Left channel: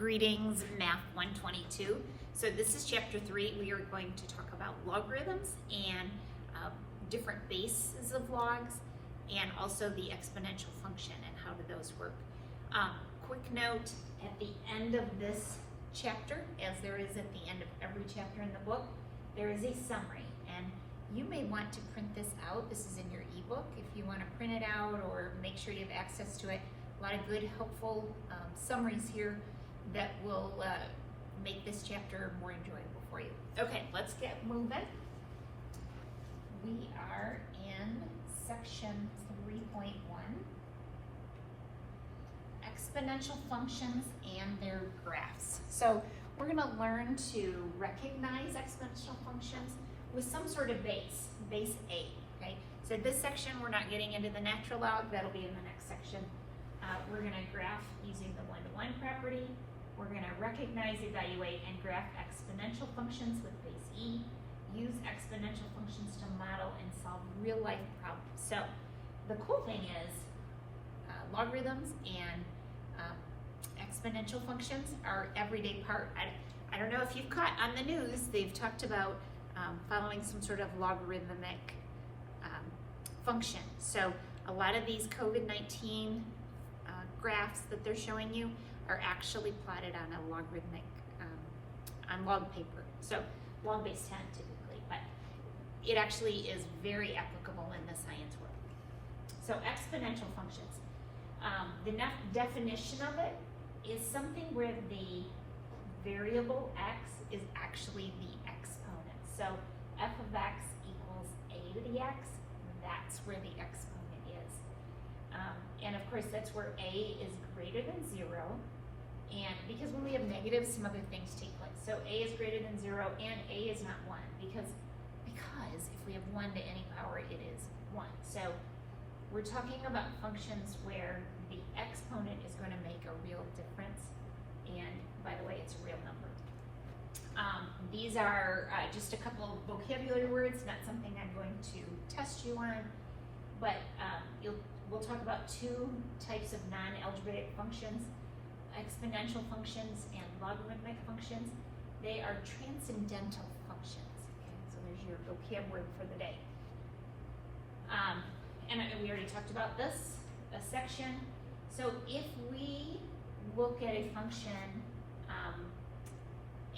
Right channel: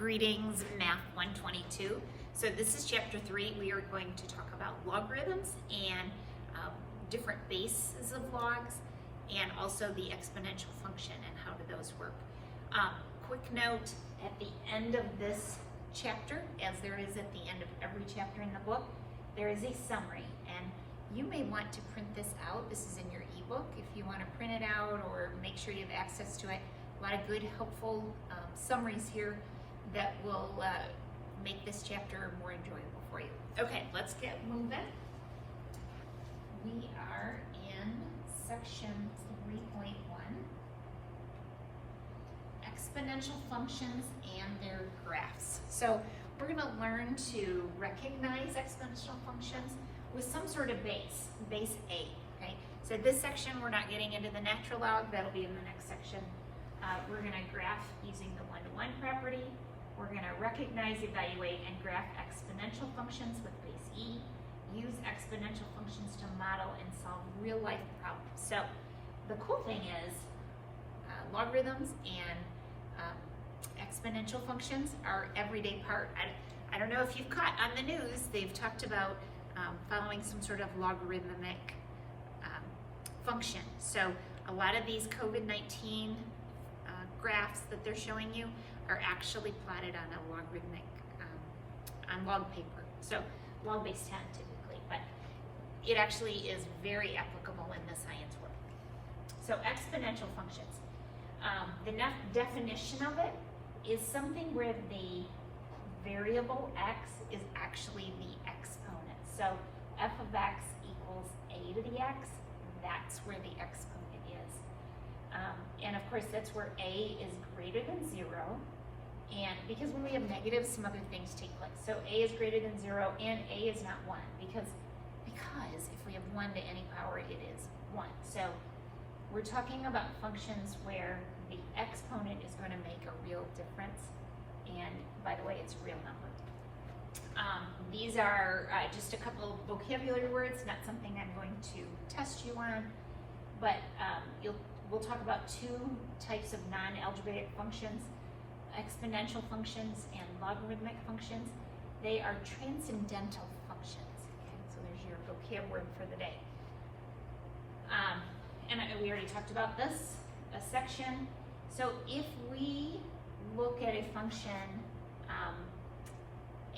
Greetings, Math 122. So this is chapter 3. We are going to talk about logarithms and different bases of logs, and also the exponential function and how do those work. Quick note, at the end of this chapter, as there is at the end of every chapter in the book, there is a summary, and you may want to print this out. This is in your ebook if you want to print it out or make sure you have access to it. A lot of good, helpful summaries here that will make this chapter more enjoyable for you. Okay, let's get moving. We are in section 3.1, exponential functions and their graphs. So we're going to learn to recognize exponential functions with some sort of base A, okay? So this section, we're not getting into the natural log. That'll be in the next section. We're going to graph using the one-to-one property. We're going to recognize, evaluate, and graph exponential functions with base E. Use exponential functions to model and solve real-life problems. So the cool thing is logarithms and exponential functions are everyday part. I don't know if you've caught on the news, they've talked about following some sort of logarithmic function. So a lot of these COVID-19 graphs that they're showing you are actually plotted on a logarithmic, on log paper. So log base 10 typically, but it actually is very applicable in the science world. So exponential functions. The definition of it is something where the variable x is actually the exponent. So f of x equals a to the x, that's where the exponent is. And of course that's where a is greater than 0, and because when we have negatives, some other things take place. So a is greater than 0 and a is not 1, because if we have 1 to any power, it is 1. So we're talking about functions where the exponent is going to make a real difference, and by the way, it's a real number. These are just a couple of vocabulary words, not something I'm going to test you on, but we'll talk about two types of non-algebraic functions, exponential functions and logarithmic functions. They are transcendental functions. Okay, so there's your vocab word for the day. And we already talked about this, a section. So if we look at a function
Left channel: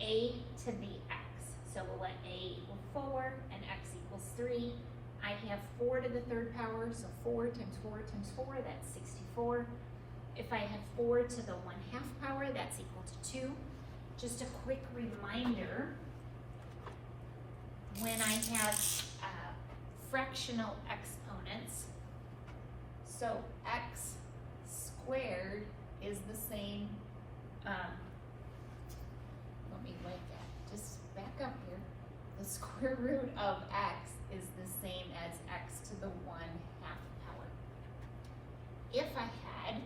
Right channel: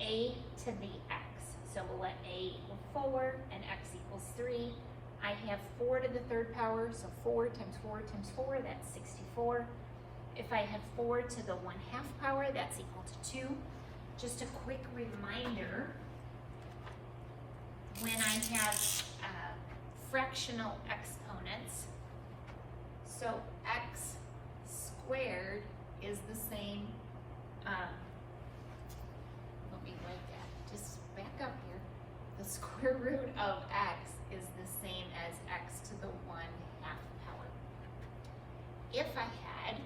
a to the x, so we'll let a equal 4 and x equals 3. I have 4 to the third power, so 4 times 4 times 4, that's 64. If I have 4 to the 1/2 power, that's equal to 2. Just a quick reminder, when I have fractional exponents, so x squared is the same, let me write that, just back up here. The square root of x is the same as x to the 1/2 power. If I had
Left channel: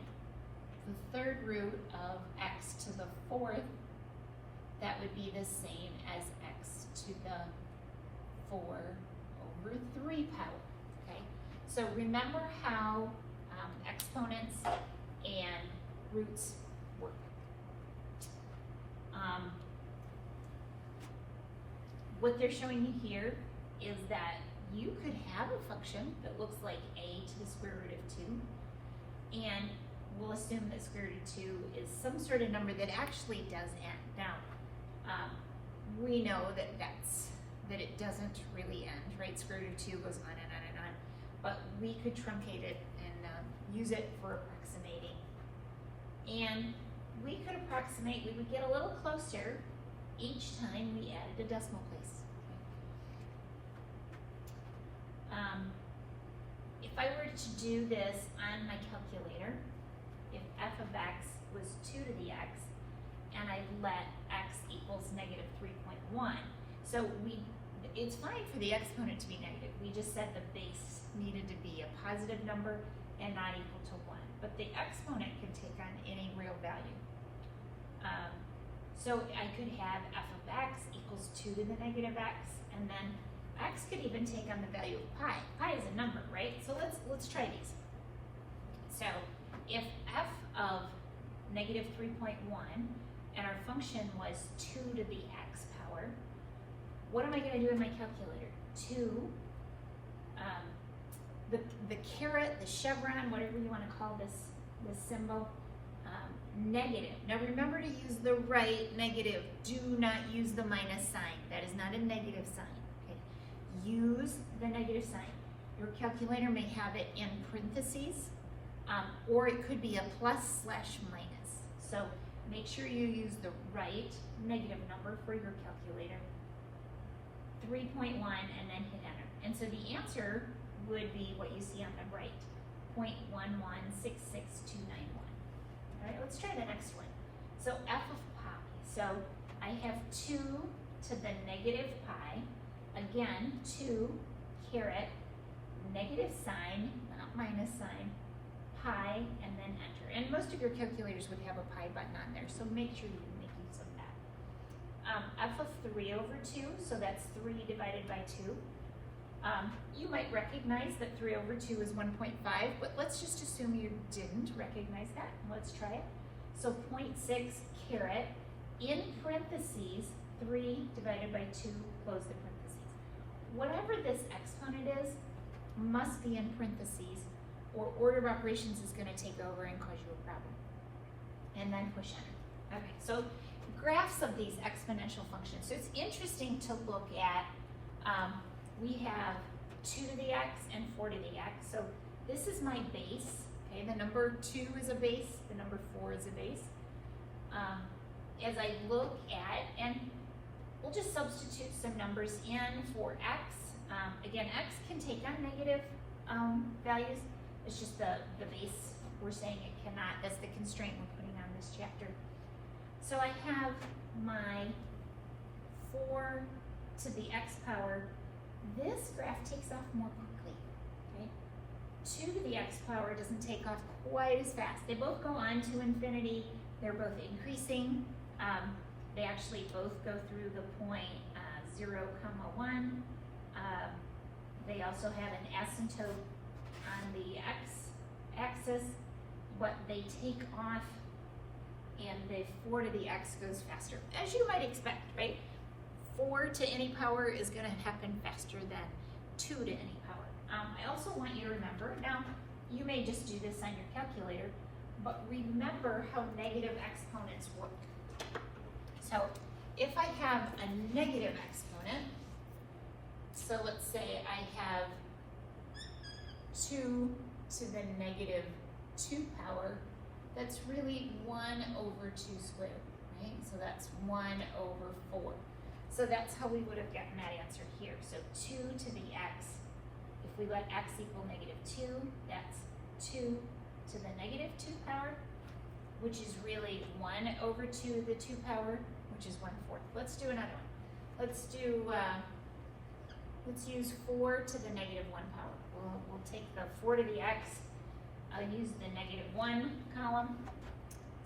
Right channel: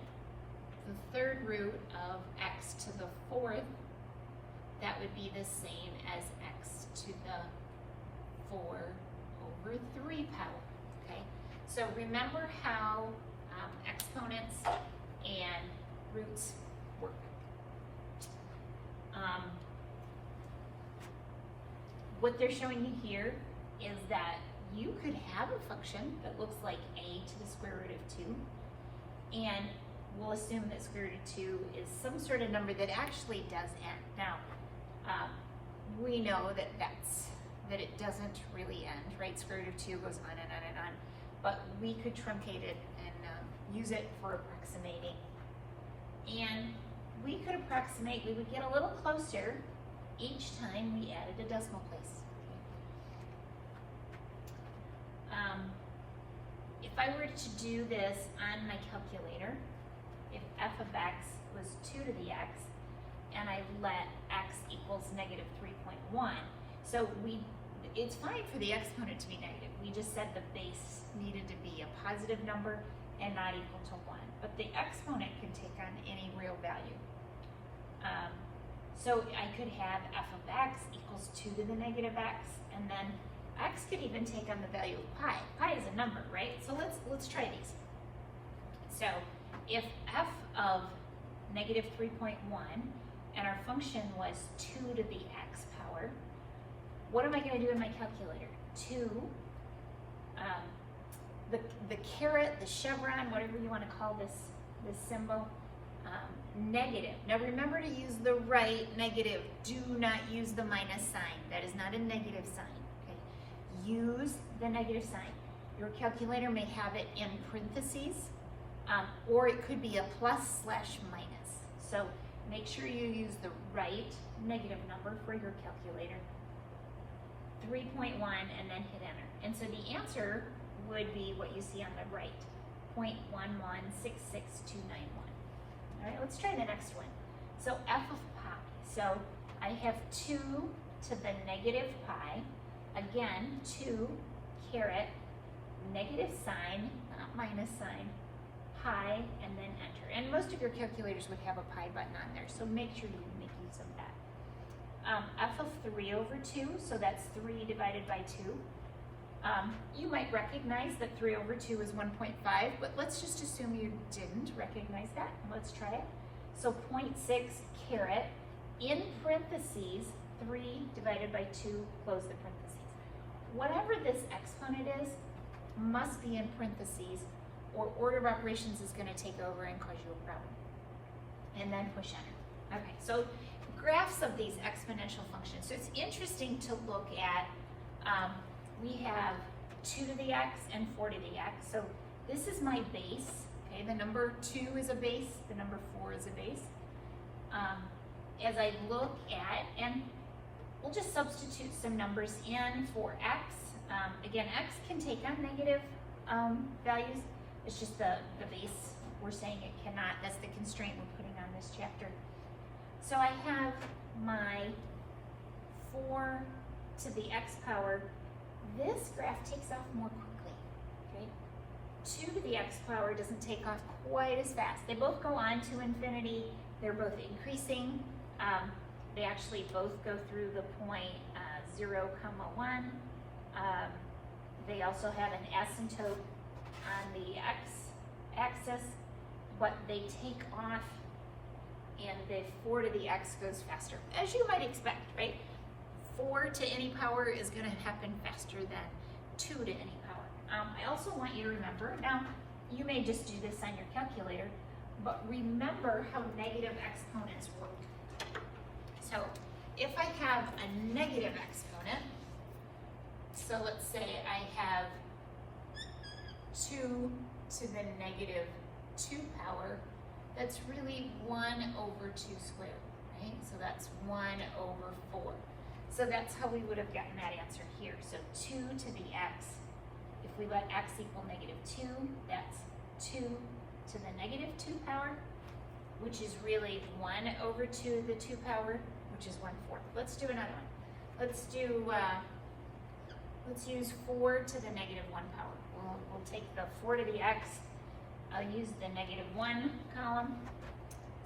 the third root of x to the 4th, that would be the same as x to the 4/3 power, okay? So remember how exponents and roots work. What they're showing you here is that you could have a function that looks like a to the square root of 2, and we'll assume that square root of 2 is some sort of number that actually does end. Now, we know that it doesn't really end, right? Square root of 2 goes on and on and on, but we could truncate it and use it for approximating. And we could approximate, we would get a little closer each time we added a decimal place. If I were to do this on my calculator, if f of x was 2 to the x, and I let x equals negative 3.1, so it's fine for the exponent to be negative. We just said the base needed to be a positive number and not equal to 1. But the exponent can take on any real value. So I could have f of x equals 2 to the negative x, and then x could even take on the value of pi. Pi is a number, right? So let's try these. So if f of negative 3.1 and our function was 2 to the x power, what am I going to do in my calculator? 2, the caret, the chevron, whatever you want to call this symbol, negative. Now remember to use the right negative. Do not use the minus sign. That is not a negative sign. Okay? Use the negative sign. Your calculator may have it in parentheses, or it could be a plus/minus. So make sure you use the right negative number for your calculator. 3.1 and then hit enter. And so the answer would be what you see on the right, 0.1166291. All right, let's try the next one. So f of pi. So I have 2 to the negative pi. Again, 2 caret negative sign, not minus sign, pi, and then enter. And most of your calculators would have a pi button on there, so make sure you make use of that. F of 3 over 2, so that's 3 divided by 2. You might recognize that 3 over 2 is 1.5, but let's just assume you didn't recognize that. Let's try it. So 0.6 caret, in parentheses, 3 divided by 2, close the parentheses. Whatever this exponent is, must be in parentheses, or order of operations is going to take over and cause you a problem. And then push enter. Okay, so graphs of these exponential functions. So it's interesting to look at, we have 2 to the x and 4 to the x. So this is my base. Okay, the number 2 is a base, the number 4 is a base. As I look at, and we'll just substitute some numbers in for x. Again, x can take on negative values. It's just the base, we're saying it cannot. That's the constraint we're putting on this chapter. So I have my 4 to the x power. This graph takes off more quickly, okay? 2 to the x power doesn't take off quite as fast. They both go on to infinity. They're both increasing. They actually both go through the point 0, 1. They also have an asymptote on the x-axis, but they take off, and the 4 to the x goes faster, as you might expect, right? 4 to any power is going to happen faster than 2 to any power. I also want you to remember, now you may just do this on your calculator, but remember how negative exponents work. So if I have a negative exponent, so let's say I have 2 to the negative 2 power, that's really 1 over 2 squared, right? So that's 1 over 4. So that's how we would have gotten that answer here. So 2 to the x, if we let x equal negative 2, that's 2 to the negative 2 power, which is really 1 over 2 to the 2 power, which is 1/4. Let's do another one. Let's use 4 to the negative 1 power. We'll take the 4 to the x. I'll use the negative 1 column.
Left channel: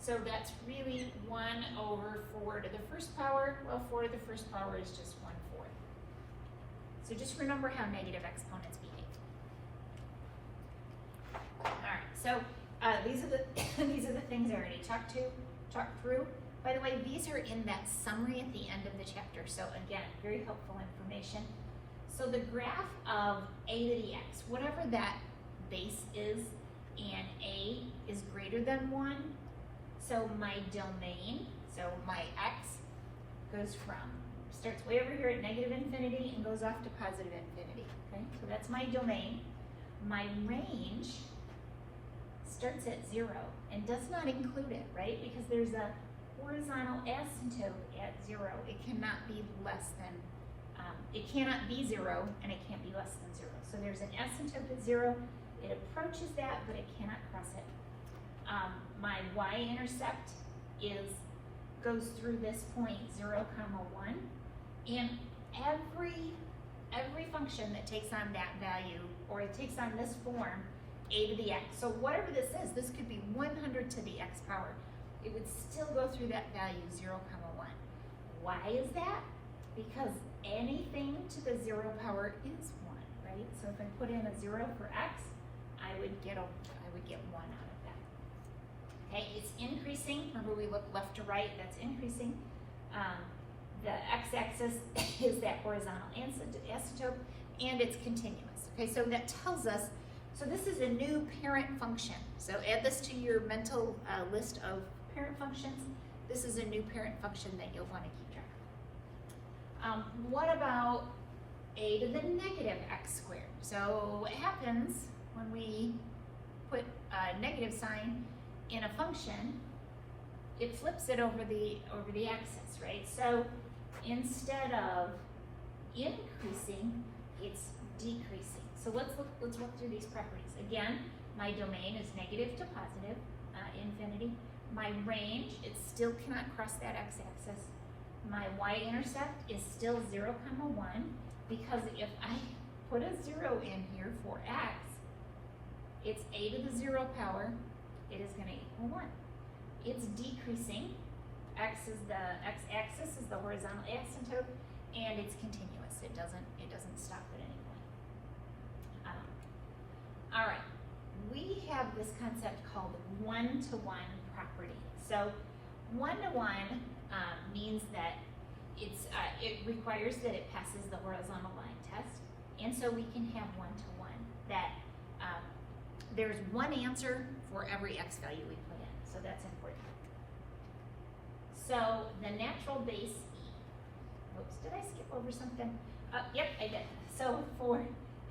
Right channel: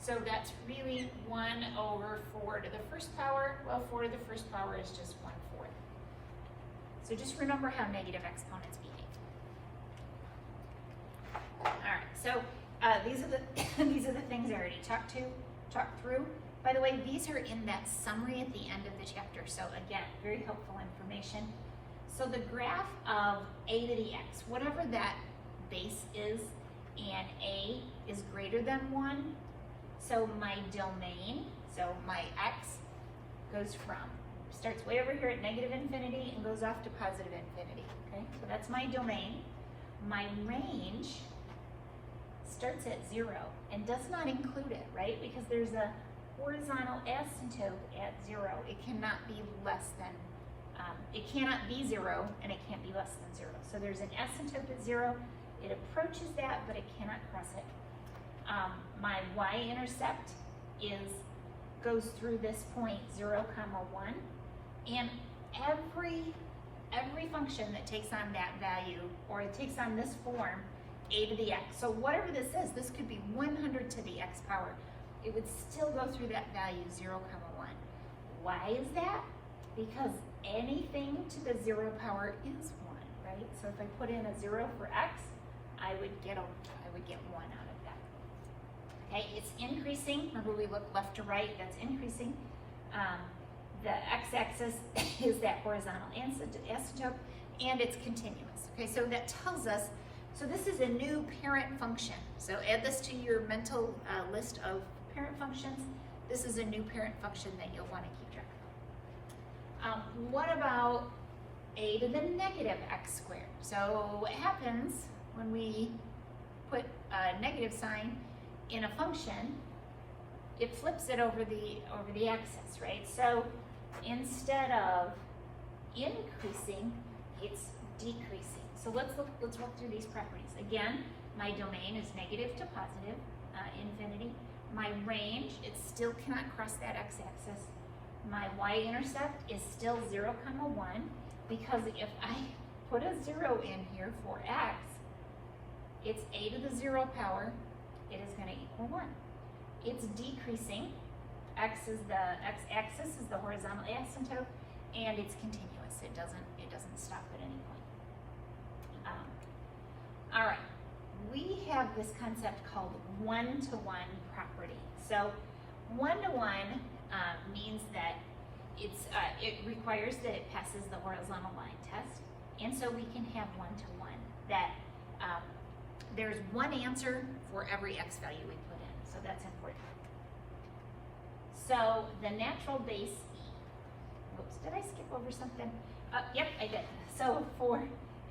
So that's really 1 over 4 to the first power. Well, 4 to the first power is just 1/4. So just remember how negative exponents behave. All right, so these are the things I already talked through. By the way, these are in that summary at the end of the chapter. So again, very helpful information. So the graph of a to the x, whatever that base is, and a is greater than 1, so my domain, so my x starts way over here at negative infinity and goes off to positive infinity, okay? So that's my domain. My range starts at 0 and does not include it, right? Because there's a horizontal asymptote at 0. It cannot be less than, it cannot be 0 and it can't be less than 0. So there's an asymptote at 0. It approaches that, but it cannot cross it. My y-intercept goes through this point 0, 1, and every function that takes on that value, or it takes on this form, a to the x. So whatever this is, this could be 100 to the x power. It would still go through that value 0, 1. Why is that? Because anything to the 0 power is 1, right? So if I put in a 0 for x, I would get 1 out of that. Okay, it's increasing. Remember, we look left to right, that's increasing. The x-axis is that horizontal asymptote, and it's continuous. Okay, so that tells us, so this is a new parent function. So add this to your mental list of parent functions. This is a new parent function that you'll want to keep track of. What about a to the negative x squared? So what happens when we put a negative sign in a function, it flips it over the axis, right? So instead of increasing, it's decreasing. So let's work through these properties. Again, my domain is negative to positive, infinity. My range, it still cannot cross that x-axis. My y-intercept is still 0, 1, because if I put a 0 in here for x, it's a to the 0 power, it is going to equal 1. It's decreasing. X-axis is the horizontal asymptote, and it's continuous. It doesn't stop at any point. All right, we have this concept called one-to-one property. So one-to-one means that it requires that it passes the horizontal line test, and so we can have one-to-one. That there's one answer for every x value we put in, so that's important. So the natural base e. Oops, did I skip over something? Yep, I did. So for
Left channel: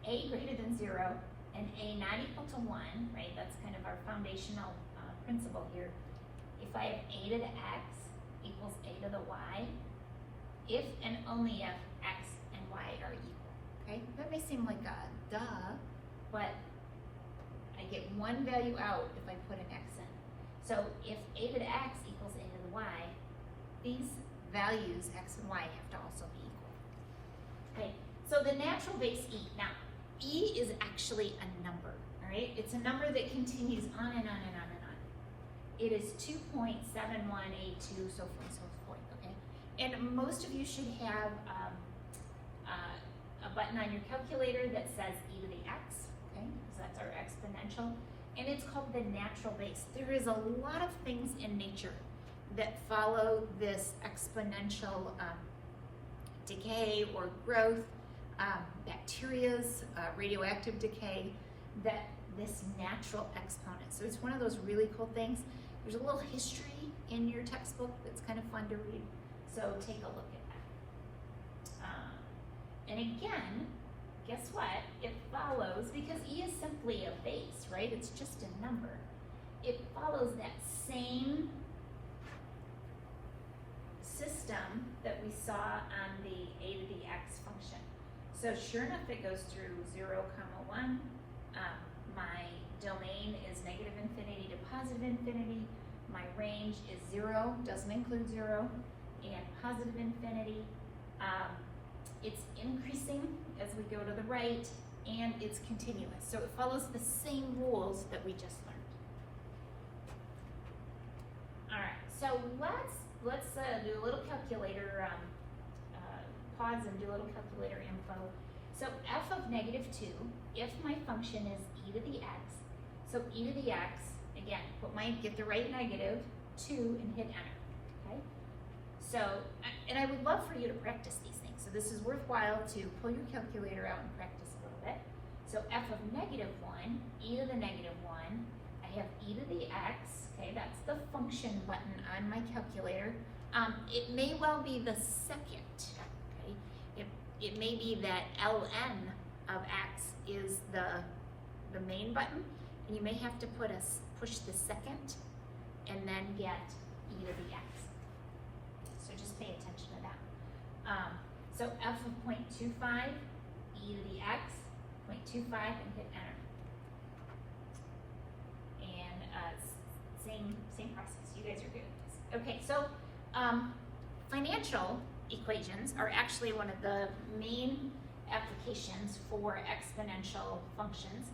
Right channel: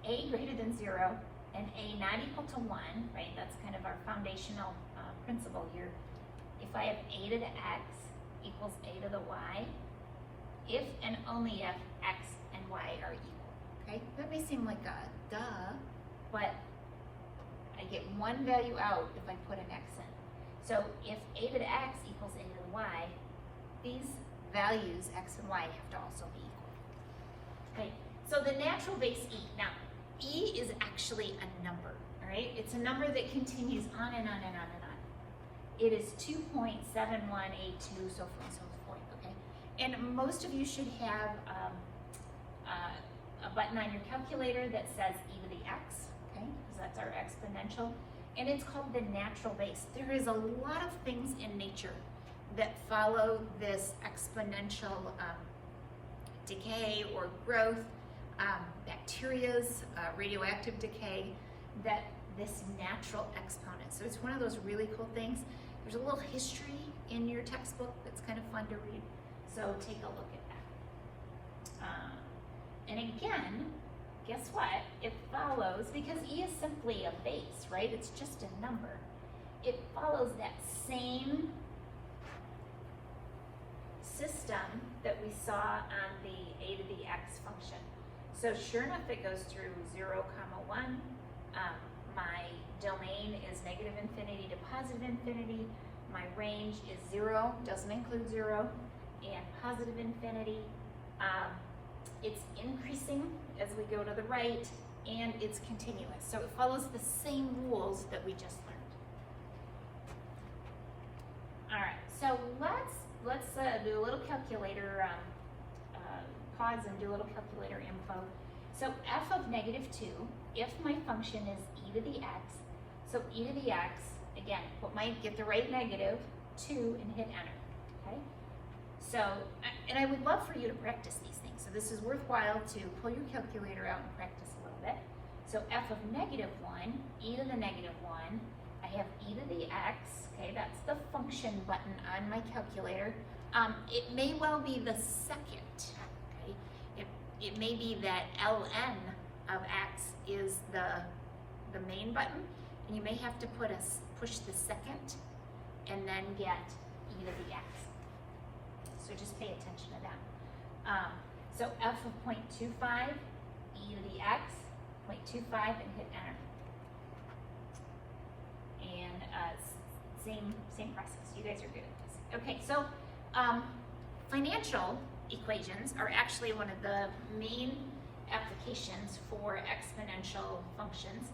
a greater than 0 and a not equal to 1, right, that's kind of our foundational principle here. If I have a to the x equals a to the y, if and only if x and y are equal, okay? That may seem like a duh, but I get one value out if I put an x in. So if a to the x equals a to the y, these values, x and y, have to also be equal. Okay, so the natural base e. Now, e is actually a number, all right? It's a number that continues on and on and on and on. It is 2.7182, so forth and so forth, okay? And most of you should have a button on your calculator that says e to the x, okay? Because that's our exponential. And it's called the natural base. There is a lot of things in nature that follow this exponential decay or growth, bacteria's radioactive decay, that this natural exponent. So it's one of those really cool things. There's a little history in your textbook that's kind of fun to read, so take a look at that. And again, guess what? It follows, because e is simply a base, right? It's just a number. It follows that same system that we saw on the a to the x function. So sure enough, it goes through 0, 1. My domain is negative infinity to positive infinity. My range is 0, doesn't include 0, and positive infinity. It's increasing as we go to the right, and it's continuous. So it follows the same rules that we just learned. All right, so let's do a little calculator, pause and do a little calculator info. So f of negative 2, if my function is e to the x, so e to the x, again, get the right negative, 2, and hit enter, okay? So, and I would love for you to practice these things. So this is worthwhile to pull your calculator out and practice a little bit. So f of negative 1, e to the negative 1, I have e to the x, okay, that's the function button on my calculator. It may well be the second, okay? It may be that ln of x is the main button, and you may have to push the second and then get e to the x. So just pay attention to that. So f of 0.25, e to the x, 0.25, and hit enter. And same process. You guys are good at this. Okay, so financial equations are actually one of the main applications for exponential functions.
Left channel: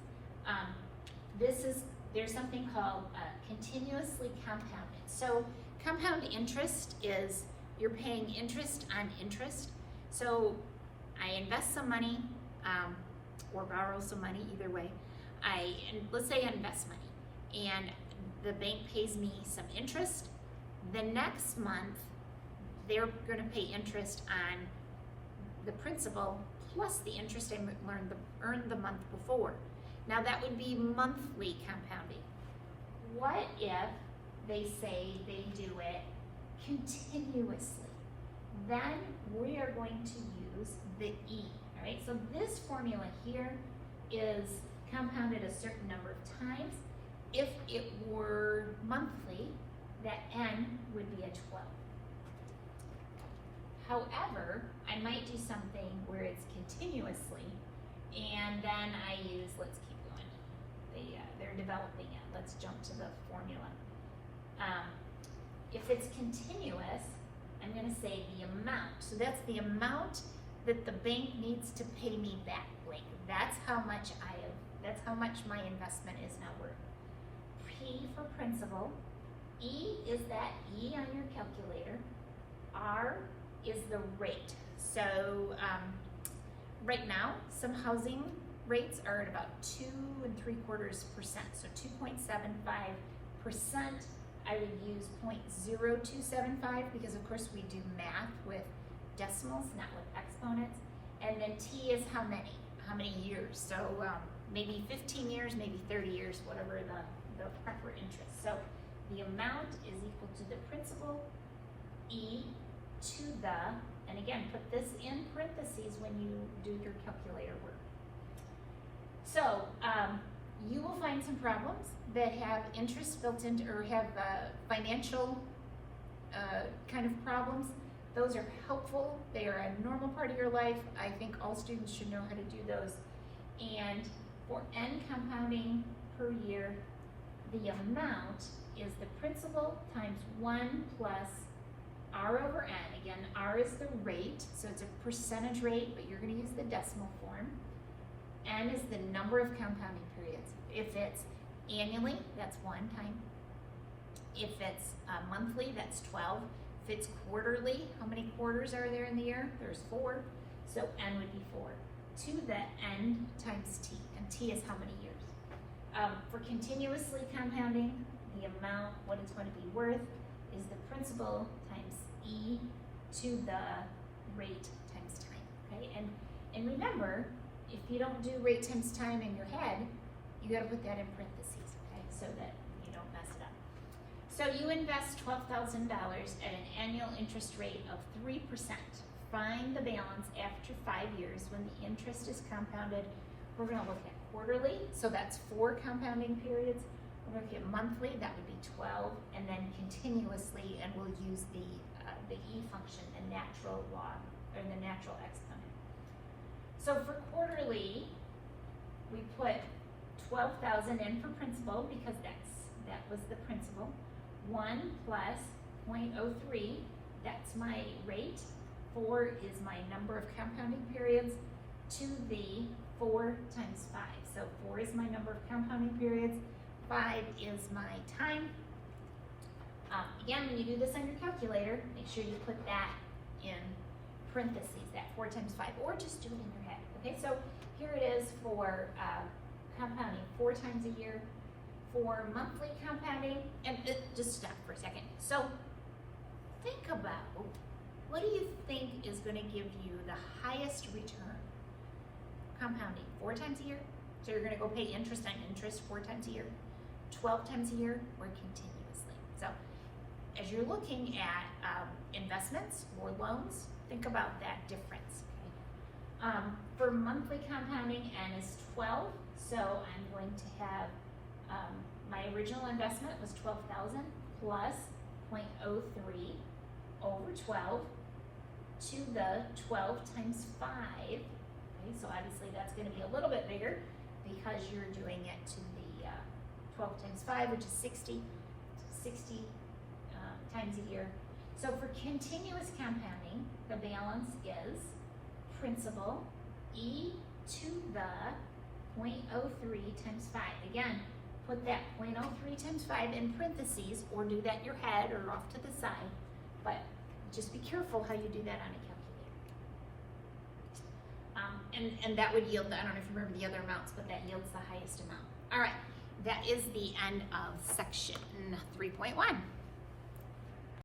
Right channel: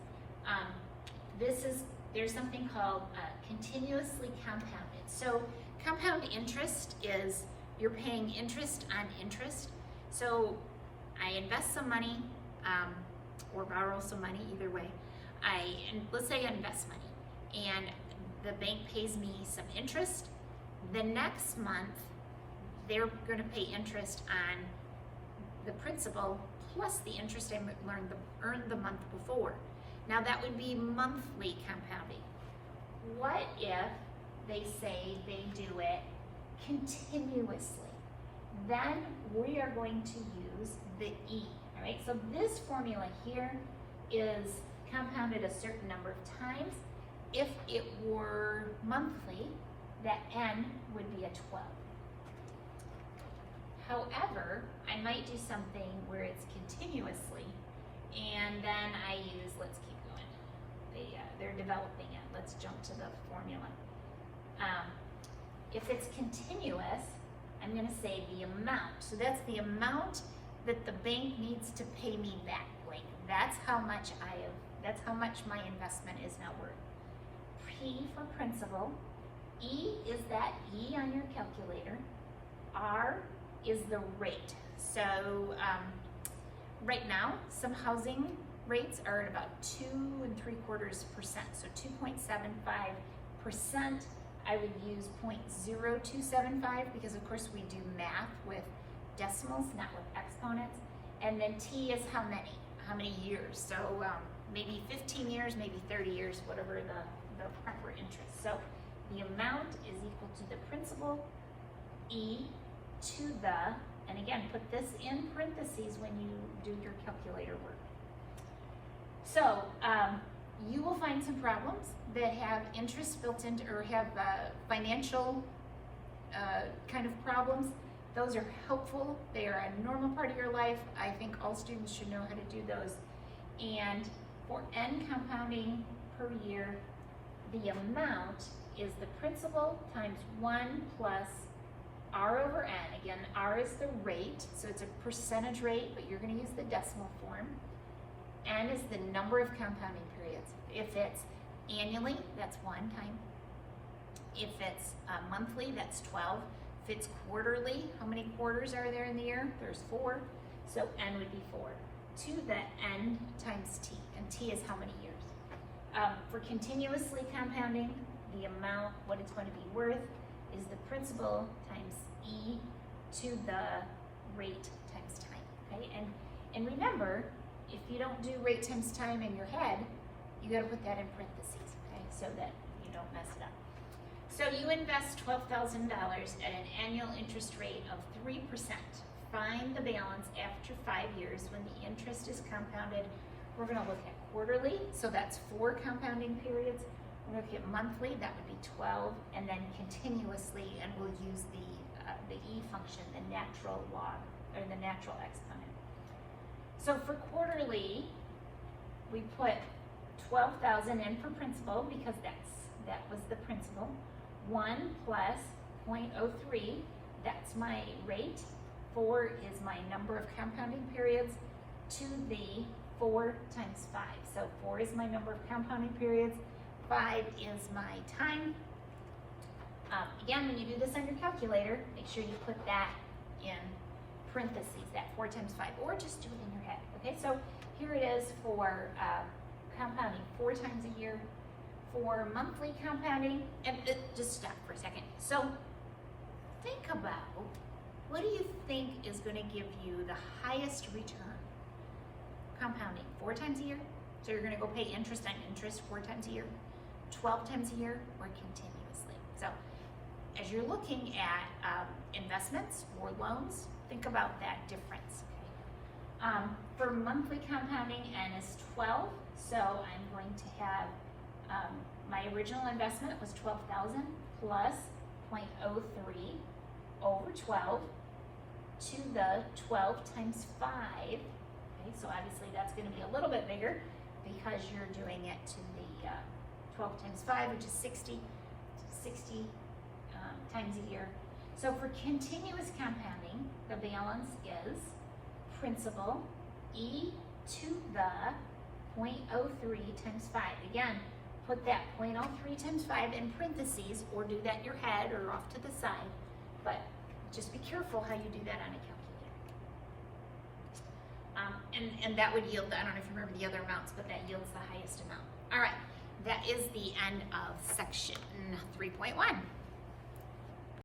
There's something called continuously compounded. So compound interest is you're paying interest on interest. So I invest some money or borrow some money, either way. Let's say I invest money, and the bank pays me some interest. The next month, they're gonna pay interest on the principal plus the interest I earned the month before. Now that would be monthly compounding. What if they say they do it continuously? Then we are going to use the E, all right? So this formula here is compounded a certain number of times. If it were monthly, that N would be a 12. However, I might do something where it's continuously, and then I use, let's keep going. They're developing it. Let's jump to the formula. If it's continuous, I'm gonna say the amount. So that's the amount that the bank needs to pay me back, blank. That's how much that's how much my investment is now worth. P for principal. E is that E on your calculator. R is the rate. So right now, some housing rates are at about 2 3/4%. So 2.75%. I would use 0.0275 because of course we do math with decimals, not with exponents. And then T is how many years. So maybe 15 years, maybe 30 years, whatever the proper interest. So the amount is equal to the principal, E to the, and again, put this in parentheses when you do your calculator work. So you will find some problems that have interest built into, or have financial kind of problems. Those are helpful. They are a normal part of your life. I think all students should know how to do those. And for N compounding per year, the amount is the principal times 1 plus R over N. Again, R is the rate, so it's a percentage rate, but you're going to use the decimal form. N is the number of compounding periods. If it's annually, that's 1 time. If it's monthly, that's 12. If it's quarterly, how many quarters are there in the year? There's 4. So N would be 4. To the N times T, and T is how many years. For continuously compounding, the amount, what it's going to be worth, is the principal times E to the rate times time, okay? And remember, if you don't do rate times time in your head, you gotta put that in parentheses, okay? So that you don't mess it up. So you invest $12,000 at an annual interest rate of 3%. Find the balance after 5 years when the interest is compounded. We're gonna look at quarterly, so that's 4 compounding periods. We're gonna look at monthly, that would be 12, and then continuously, and we'll use the E function, the natural log, or the natural exponent. So for quarterly, we put 12,000 in for principal because that was the principal. 1 plus 0.03, that's my rate. 4 is my number of compounding periods to the 4 times 5. So 4 is my number of compounding periods. 5 is my time. Again, when you do this on your calculator, make sure you put that in parentheses, that 4 times 5, or just do it in your head, okay? So here it is for compounding 4 times a year. For monthly compounding, and just stop for a second. So think about, what do you think is going to give you the highest return? Compounding 4 times a year, so you're going to go pay interest on interest 4 times a year, 12 times a year, or continuously. So as you're looking at investments or loans, think about that difference. Okay? For monthly compounding, N is 12, so I'm going to have my original investment was 12,000 plus 0.03 over 12 to the 12 times 5. Okay, so obviously that's going to be a little bit bigger because you're doing it to the 12 times 5, which is 60 times a year. So for continuous compounding, the balance is principal E to the 0.03 times 5. Again, put that 0.03 times 5 in parentheses, or do that in your head or off to the side, but just be careful how you do that on a calculator. And that would yield, I don't know if you remember the other amounts, but that yields the highest amount. All right, that is the end of section 3.1.